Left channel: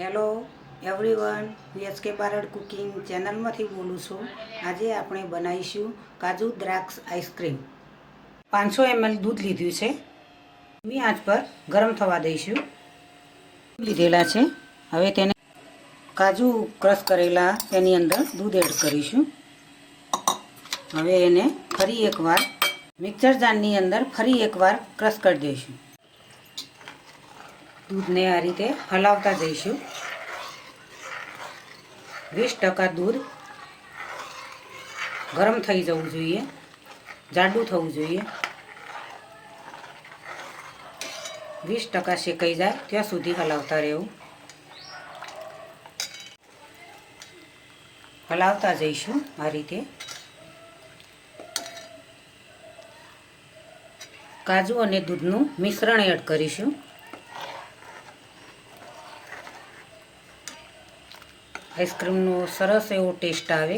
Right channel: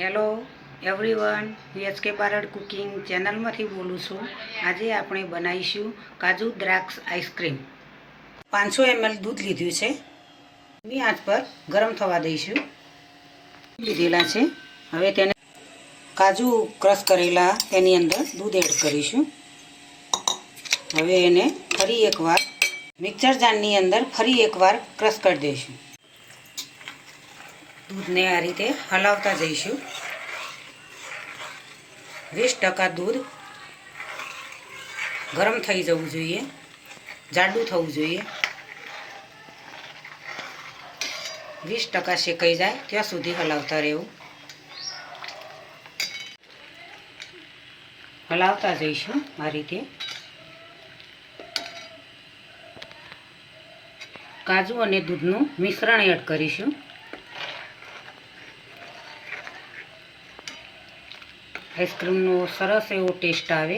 Hello everyone, VHK Barad cooking ચેનલમાંથી બોલું છું। આજે આપણે બનાવીશું કાજુ દ્રાક્ષ આઈસ્ક્રીમ। 500 ml દૂધ લીધું છે, ધીમી આંચ પર ગરમ થવા દઈશું। લીધેલા છે, હવે તેને કાજુ ક્રશ કરેલા તેની અંદર દૂધ એડ કરીશું। હવે એને ફરી એકવાર મિક્સર જારની અંદર ફરી એકવાર ક્રશ કરી દઈશું। दूधने आ रीते हलावता जईशुं। 20% दूध गरम थई जवुं जोईए, जाडू थवुं जोईए। 20% शेकाई जाए त्यां सुधी हलावता रहेवुं। हलावता जईशुं आ रीते। काजू अने दूधनुं मिश्रण एड करीशुं। आइस्क्रीमनो सरस एवो टेस्ट आवे।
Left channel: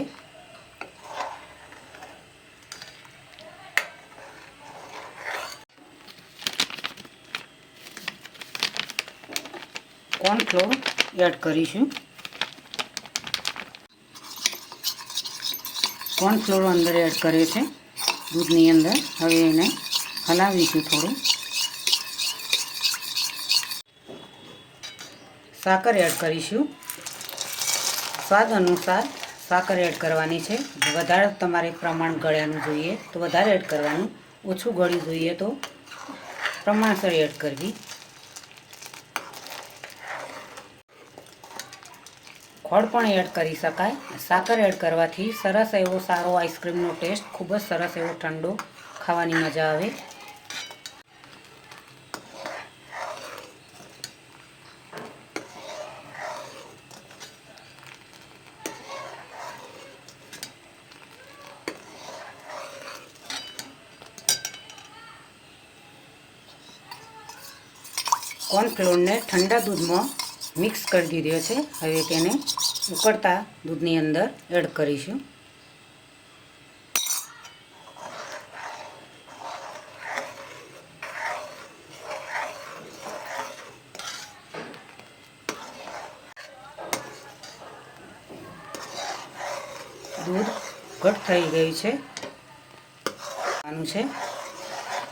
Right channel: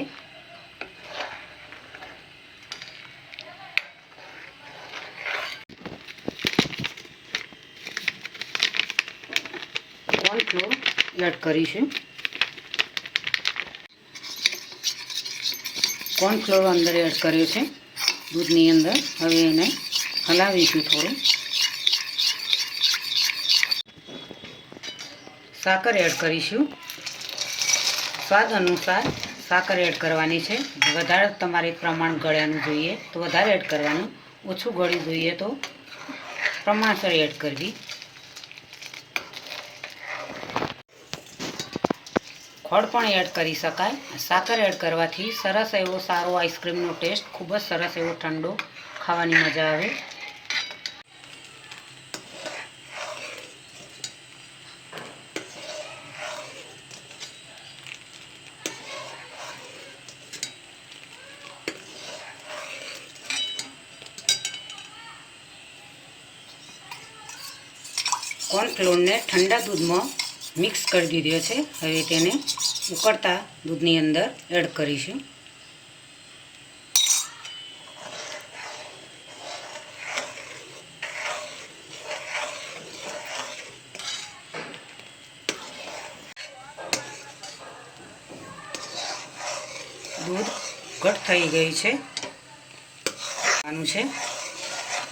कॉर्नफ्लोर एड करीशुं। कॉर्नफ्लोर अंदर एड कर्यो छे दूधनी अंदर। हवे एने हलावीशुं थोडुं। साकर एड करीशुं। स्वाद अनुसार साकर एड करवानी है। वधारे तमारे प्रमाण गळ्यानुं जोईए तो वधारे एड करवानुं, ओछुं गळ्युं जोईए तो प्रमाणसर एड करवी। खोळ पण एड करी शकाय। साकर एड करवाथी सरस एवो सारो आइस्क्रीमनो टेस्ट, खूब ज सरस एवो ठंडो खावानी मजा आवे। कॉर्नफ्लोर ने ठंडा दूध में मिक्स कर दीधो है। हवे तेने उकळता दूधनी अंदर एड करीशुं। दूध घट थई गई है।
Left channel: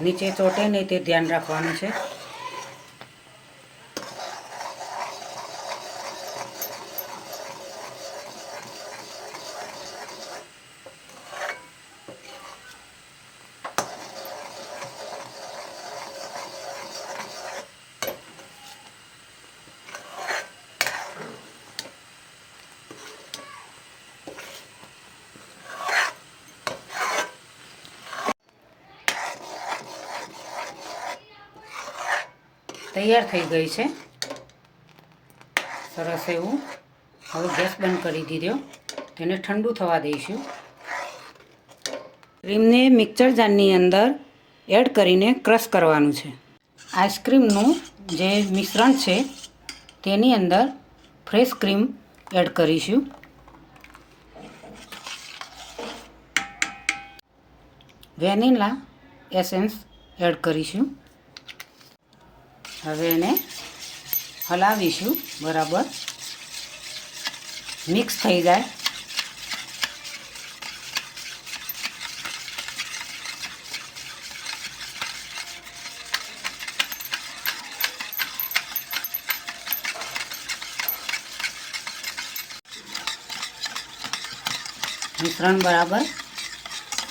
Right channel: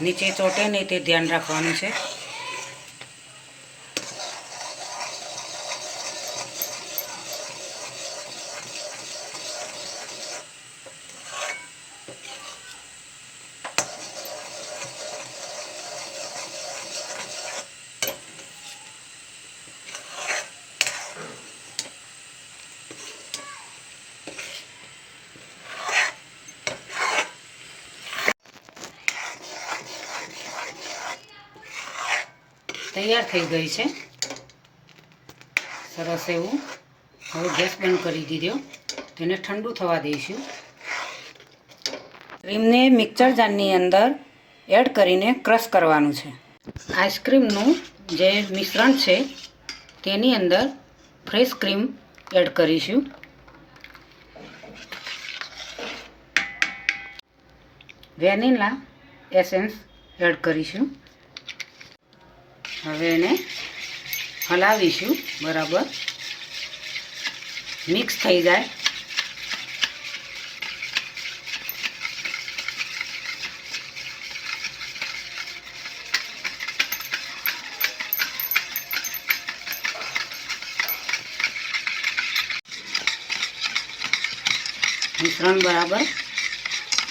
नीचे ચોટે नहीं ते ध्यान राखवानुं छे। तैयार थई गई है सरस एवं। हवे गैस बंद करी दीधो। तेने ठंडू थवा दईशुं। क्रीम ने मिक्सर जारनी अंदर एड करीने क्रश करवानुं छे। आइस्क्रीमनुं जे मिश्रण छे तेनी अंदर फ्रेश क्रीम एड करीशुं। वेनिला एसेंस एड करीशुं। हवे एने हलावीशुं बराबर मिक्स थई जाए। मिश्रण बराबर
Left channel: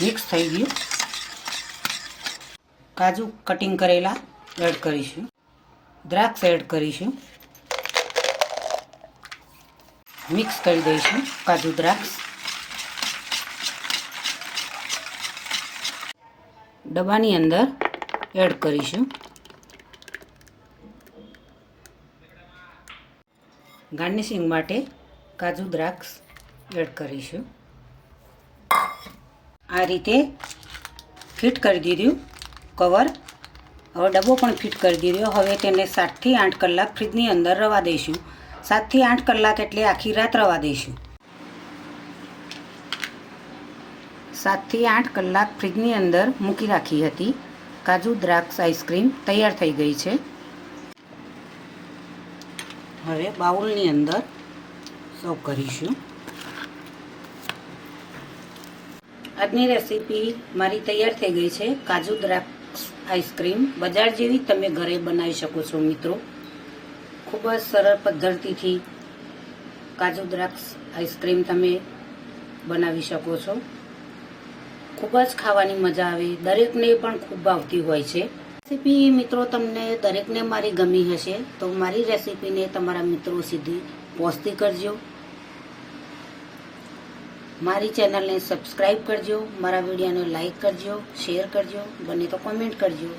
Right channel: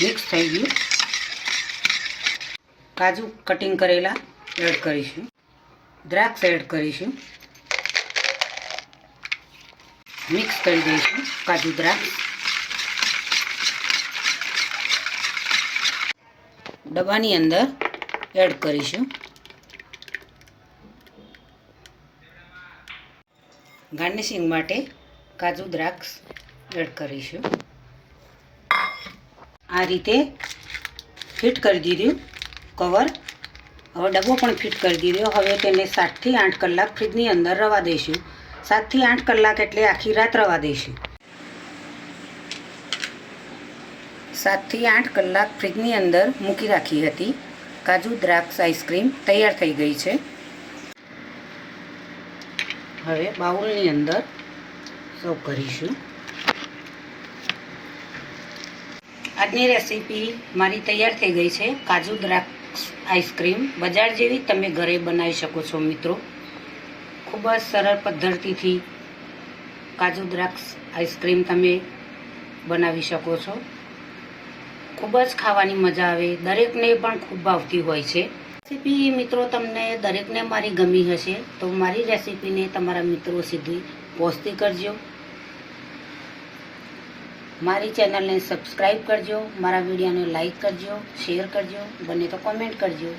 मिक्स थई गयुं। काजू कटिंग करेला एड करीशुं। द्राक्ष एड करीशुं। मिक्स करी दईशुं काजू द्राक्ष। डब्बानी अंदर एड करीशुं। गार्निशिंग माटे काजू द्राक्ष एड करीशुं। आ रीते फिट कर दीधुं कवर। हवे डब्बो पण फिट कर दीधो। हवे तेने 7 થી 8 कलाक फ्रीजनी अंदर रवा दईशुं। 7 થી 8 कलाक एटले आखी रात रवा दईशुं। 7 થી 8 कलाक फ्रीजनी अंदर मूकी राखी हती। काजू द्राक्ष आइस्क्रीम तैयार थई गई है। હવે બાઉલની અંદર સર્વ કરીશું. આજની રેસીપી મારી તૈયાર થઈ ગઈ છે. કાજુ દ્રાક્ષ આઈસ્ક્રીમ બજાર જેવી તમે ઘરે બનાવી શકો છો મિત્રો. ખૂબ જ સરળ પદ્ધતિથી કાજુ દ્રાક્ષ આઈસ્ક્રીમ તમે બનાવી શકો છો. ખૂબ જ ખાવાની મજા આવે, દરેકને પણ ખૂબ ભાવતી હોય છે. રેસીપી મિત્રો તમને દરેકને મારી ગમી હશે તો મારી રેસીપીને તમારા મિત્રો સુધી પહોંચતી કરજો. મારી ચેનલને સબસ્ક્રાઈબ કરજો, મારા વિડીયોને લાઈક કરજો, શેર કરજો, બને તો કોમેન્ટ કરજો.